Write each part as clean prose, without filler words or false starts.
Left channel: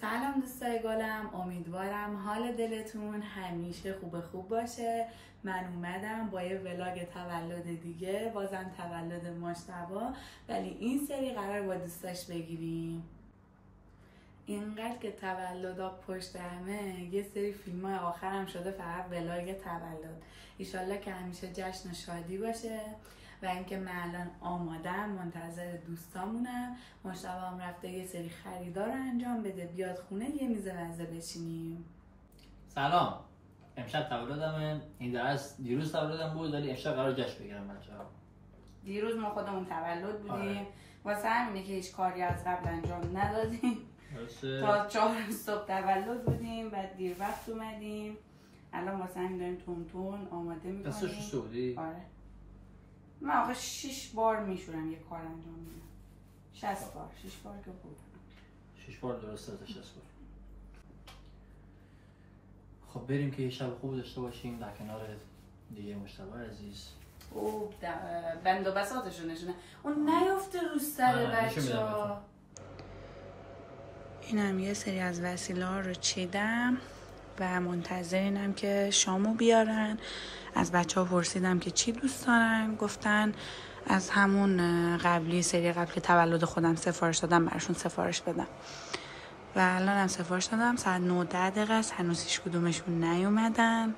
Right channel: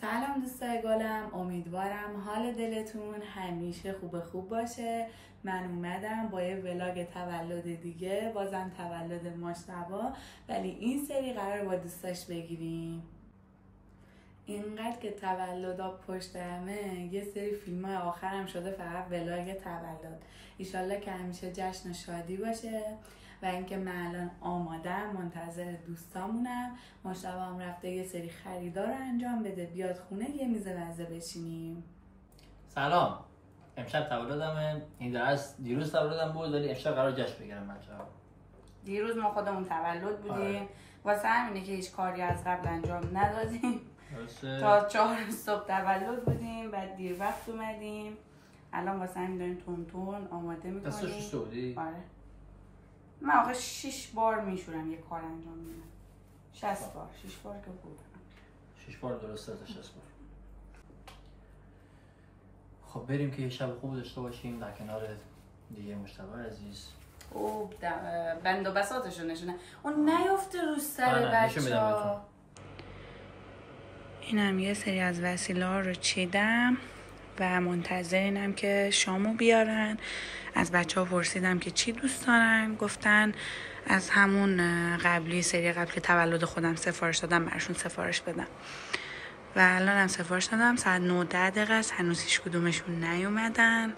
سلام دوستای گلم، امیدوارم حال دلتون همیشه خوب باشه. من اومدم با یه ولاگ تولد دیگه، بازم تولد مجتبی، ولی این سری قرار با دوستاش بگیریم. اینقدر که تولدا پشت همه، یه سری فیلم های آخرم شده فقط ولاگ تولد. ایشالله که همیشه جشن و شادی باشه و اینکه من الان آمادم، منتظر دوستامونم. مجتبی هم رفته یه سری خریدار رو انجام بده، بیاد خونه یه میز مزه بشینیم. سلام، امشب تولدمه. این درست دیروز تولدم بود ولی امشب قرار جشن بگیرم بچه‌ها. دیروز ما خودمون تولد بودیم، واسه همینه که هیچ کاری از قبل انجام ندادیم. تا 4 صبح تولد بودیم، بعد دیر وقت اومدیم. الان واسه همین داریم تون آماده میکنیم. دستو شسته بودی؟ آره. من آقا 6 بار میشورم یه کار انجام میدم. 60 بار، 6 بار که بود. 6 بار درسته تا 60 بار. خب بریم که یه شب خوب داشته باشیم در کنار دیگه مجتبی عزیز. اوه بند و بساطشو نشونه. اون نیفته رو سر بچه‌ها. اینم یه سری از وسیله ها رو چیدم و منتظرینم که شامو بیارن. از بچه ها پرسیدم که چی دوست دارن، گفتن از همون قبلی، سری قبل که تولد خودم سفارش دادم براشون سفارش بدم و الان هم سفارش دادم. ساعت 9-10 است، هنوز هیچ کدومشون نیومدن.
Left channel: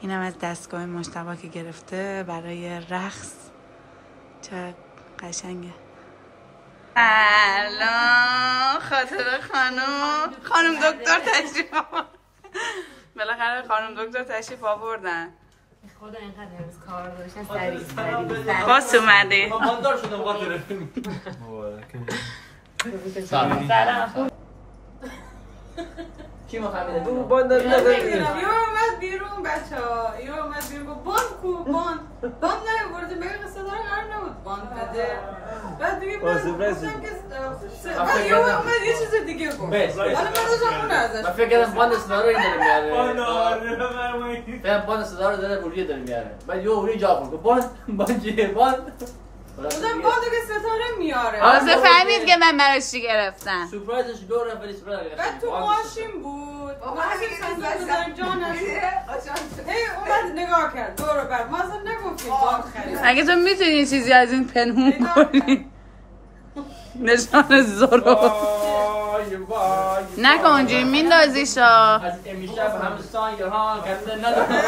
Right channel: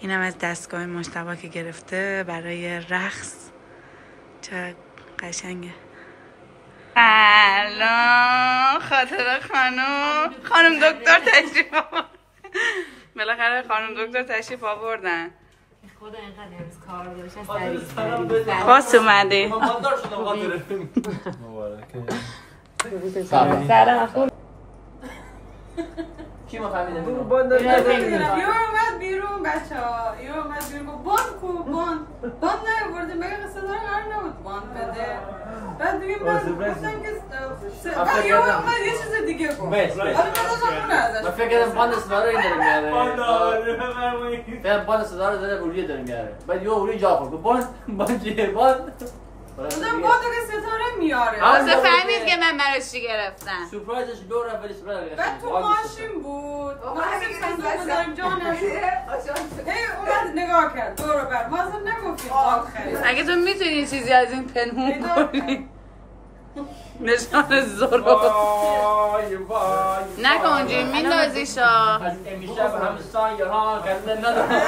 اینم از دستگاه مجتبی که گرفته برای رقص. چه قشنگه. الان خاطر خانم دکتر تشریف آوردن. بالاخره خانم دکتر تشریف آوردن. خدا اینقدر امروز کار داشتن سریع. خوش اومدی. مالدار شدم خاطر مبارکه. سلام. کی مفهمیده؟ تو باند نداری. یه اومد بیرون بچه‌ها، یه اومد بیرون گفت باند نیاورده، مگه قصه داره قرار نبود باند بده. بعد دیگه من گفتم که بعد یه اومد یه چیز دیگه گفت. حالا من داشتم اون ازش. من فکر کردم باند صدا رو این داره میاره. باند صدا رو داره روریه داره میاره. بعد یه روریه جا کرد. باند چیه؟ باند بودم باندو که ستاره میاره. واسه فهمید که من براش چی گرفتم. سورپرایزش دوره ولی سورپرایز. بعد تو ماشین بود. ما اصلا داریم جا نشد. اومد نگاه کرد دور و بر. ما اصلا نگفتیم باند خرید. اگه تو میتونی چیزی از این پنهون کنی. نشان زور نکن اونجوری میندازیشا. از امشب همستان یهان کنده نداره.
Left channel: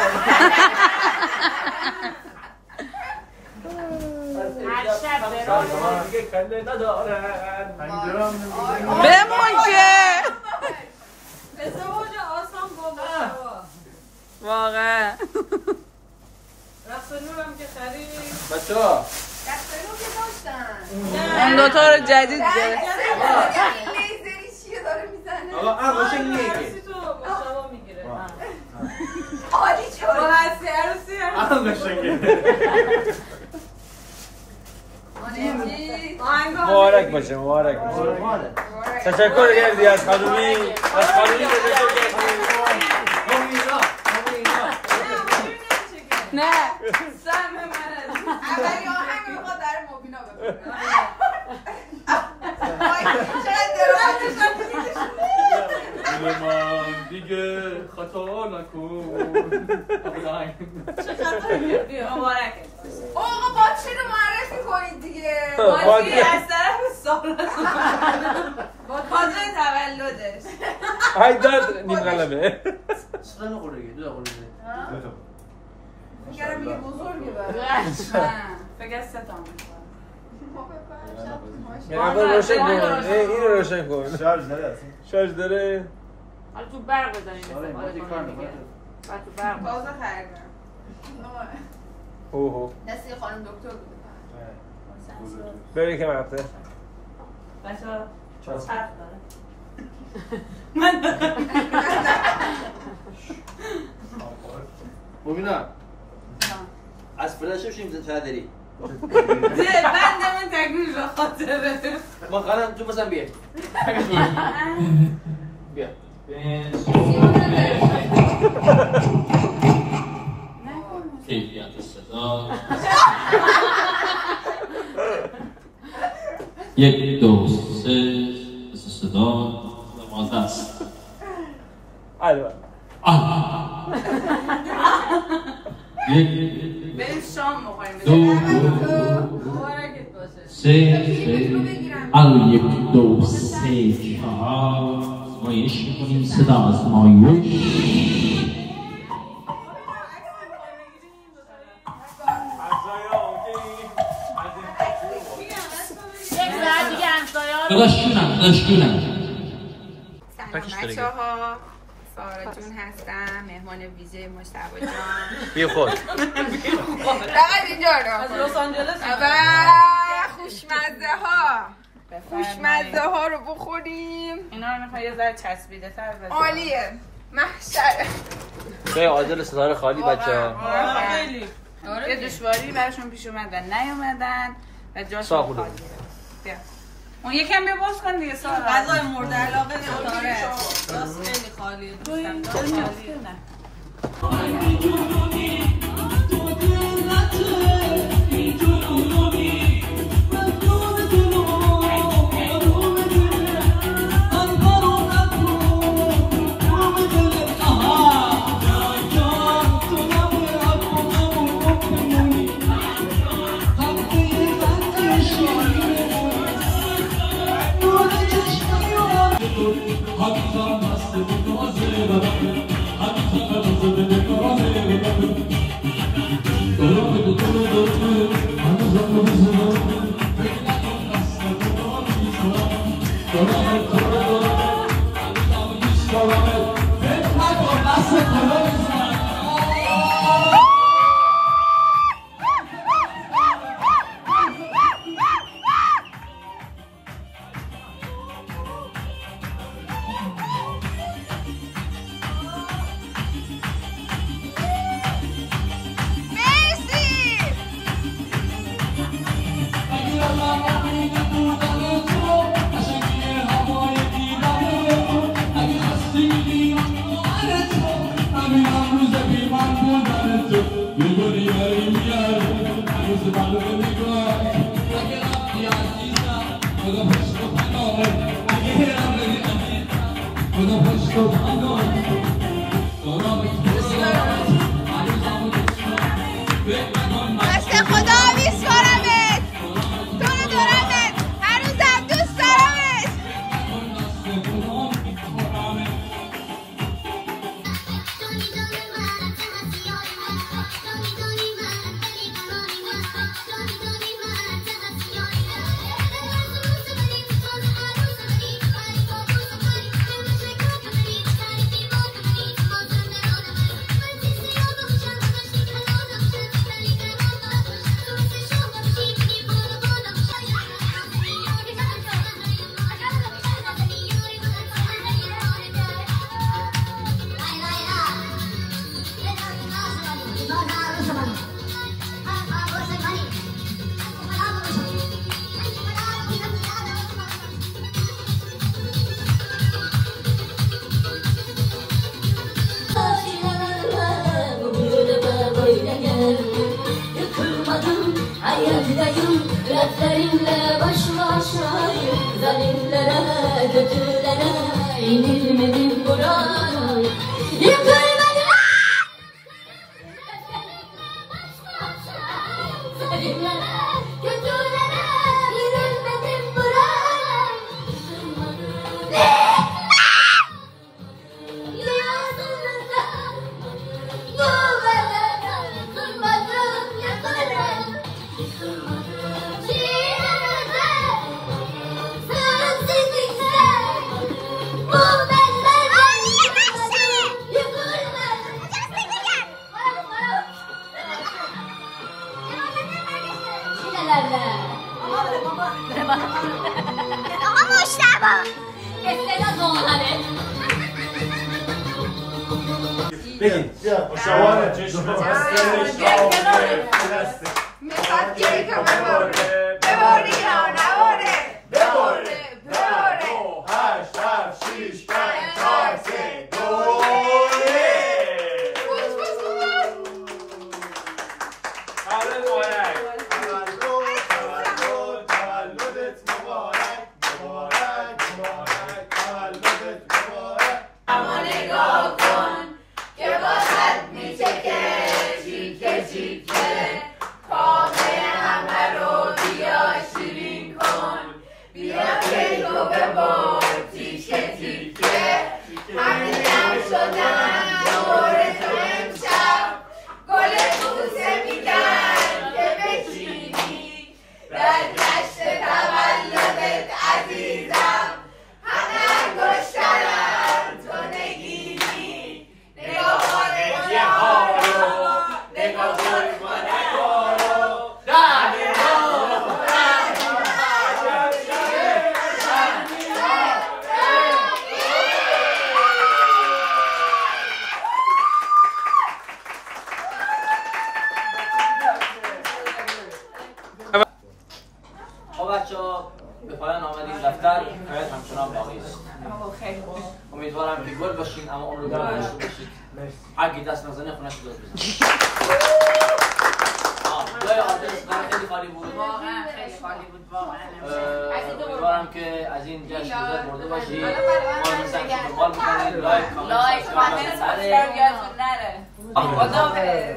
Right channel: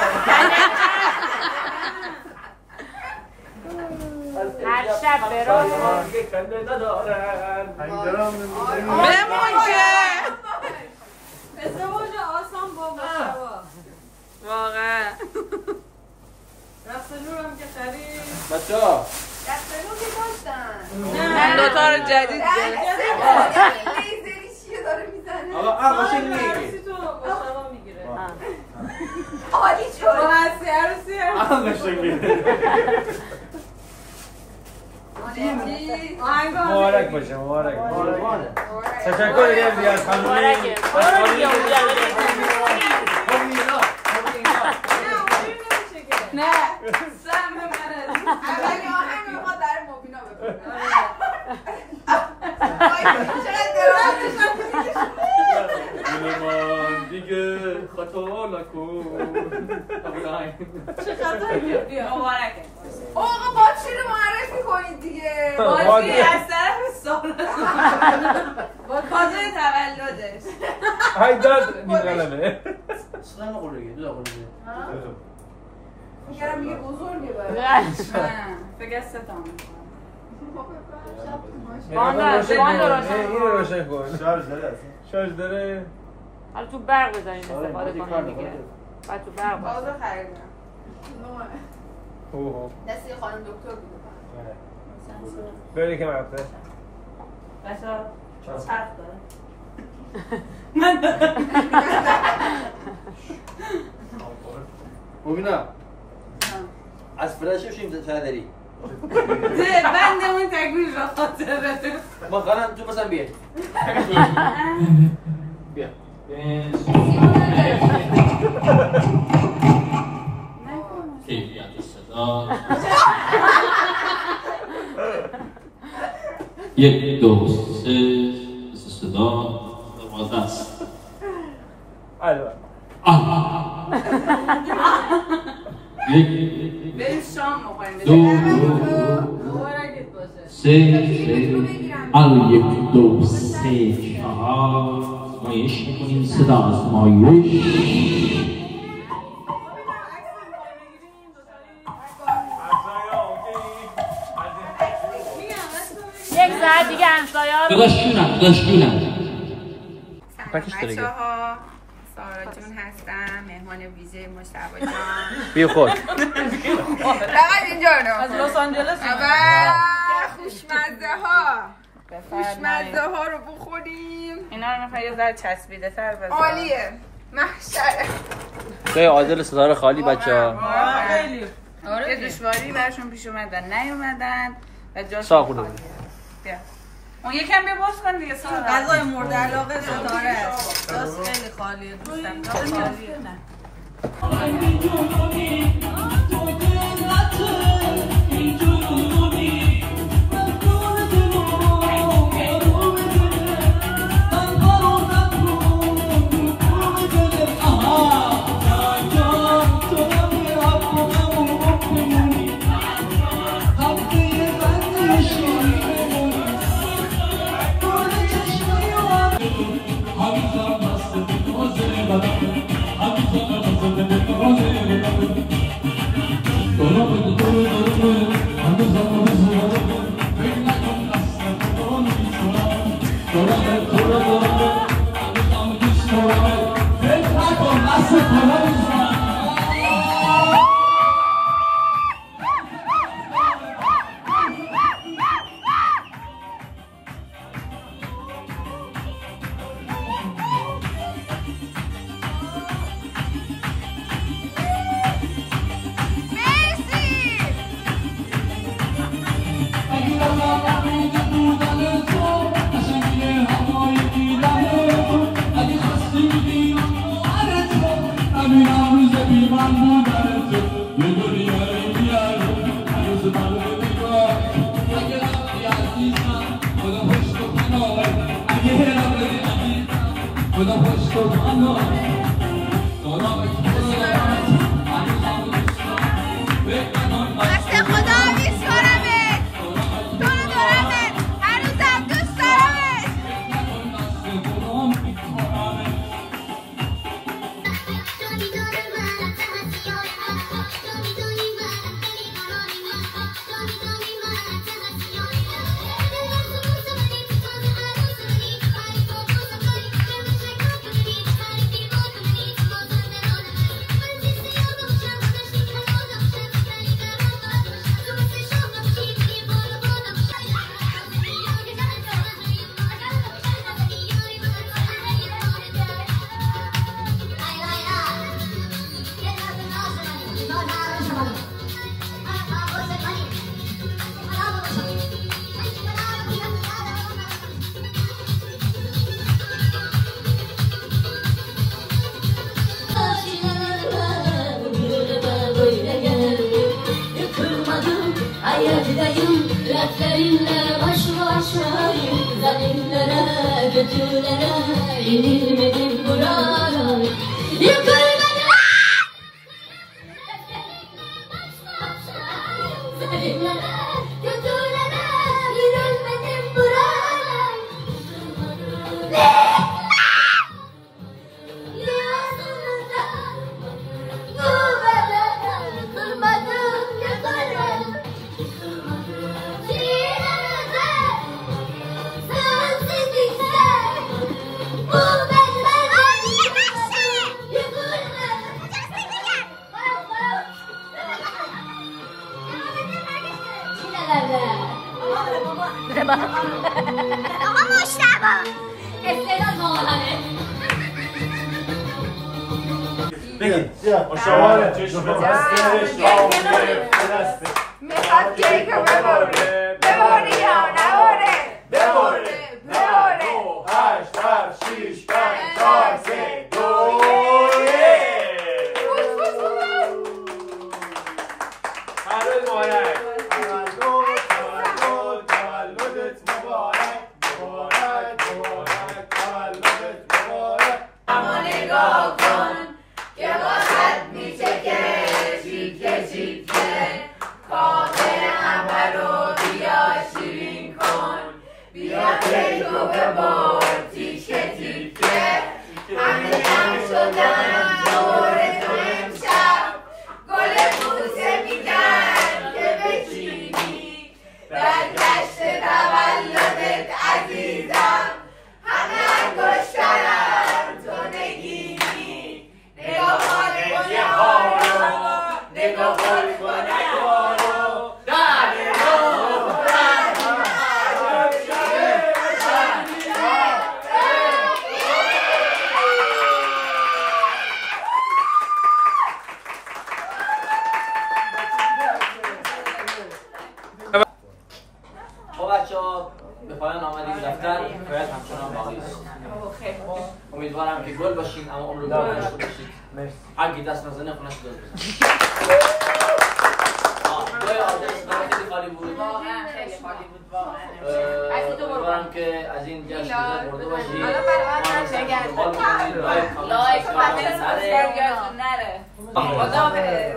بمون که ازدواج آسان با مشتبا واقعا. رقص نورم که خرید. بچه ها دستمون که داشتن. هم دوتا رو جدید لیزری چیه داره میزنه؟ آقا عروسی عروسی تو مشتبا میگیره. عالی شد. رو هستی عروسی مبارک باشه، مبارک باشه. تشکر کردی از خانومی. از خانومی نه سم من اولی آهنگ ما در مبینا بکنم. من دیگه خطا نکن. چه خطایی؟ مبارکه. آقا با چی رو معرفی کنید دیگه؟ بازی از طرف سارا با کازه تولدش. های داد نیم قلبه. سلام قولگی، دو قولگی. میگرم میگه بزرگه برای. نه فکر 3 تا میکنم. میگم روشن کن. این رو روشن کن. شارژ داره. حالا تو برق بزنیم استفاده کنم دیگه. بعد تو برق تازه خریدم. اوه. دستی خانم دکتر بوده. بری که رفته. بچه‌ها چرخ داره. مبینا از فراشو شیم چه داری؟ بندمون تکمیل را خاطره. ما قرار تو مثلا بیا. بیا. کیفیت صدا 1 2 3 صدا است. البته یک بریم شام بخوریم. دو مبارکت باشه. سه یک دو سه چهار آزمایش می‌کنیم. صدا آزمایش. یک ساعت دیگه همسایه‌ها رو داشتونم سلام بچه‌ها، سارا جون هستم، مهمان ویژه مجتبی جان. بی خود فقط اینجا از رو لس آنجلس خوشمزه ها رو بخوریم. اینا رو مثلا یه ذره چسبیده تر بذار. عالیه، محشره. جای عادل ستاره خالی بچه خیلی یه دشواری برشون پیش اومد و نیومدن و جاشون خالیه. بیا اون یکم بیا باز کن دیگه. غذای مورد علاقه ستاره راست خیلی خالیه دوستم. خالیه نه Dertlerle baş başayım, zalimlere, kötülere yenilmedim buralar, yıkılmadım. Zalimlere, kötülere yenilmedim buralar. Yazımda yuvalara yıkılmadım, yıkılmadım. Ama Mustafa. Estela Doğan'ı. بگید شما چشم میخواد گیره که بباری یا نباره بباره بباره 8 7 6 5 4 3 2 تولدت مبارک باقی است. خیلی خوب. امیدوارم که گل باشین اما عمر داشته باشید. اگه دست نزنه خونش گل بزنید. جای آدرس خیلی خالی بود. واقعا خیلی خالی بود واقعا. امیدوارم که از این جشن لذت برده باشید. ما این سنگ دنبال می‌کنید. لایک کامنت سابسکرایب یادتون نره. خداحافظ.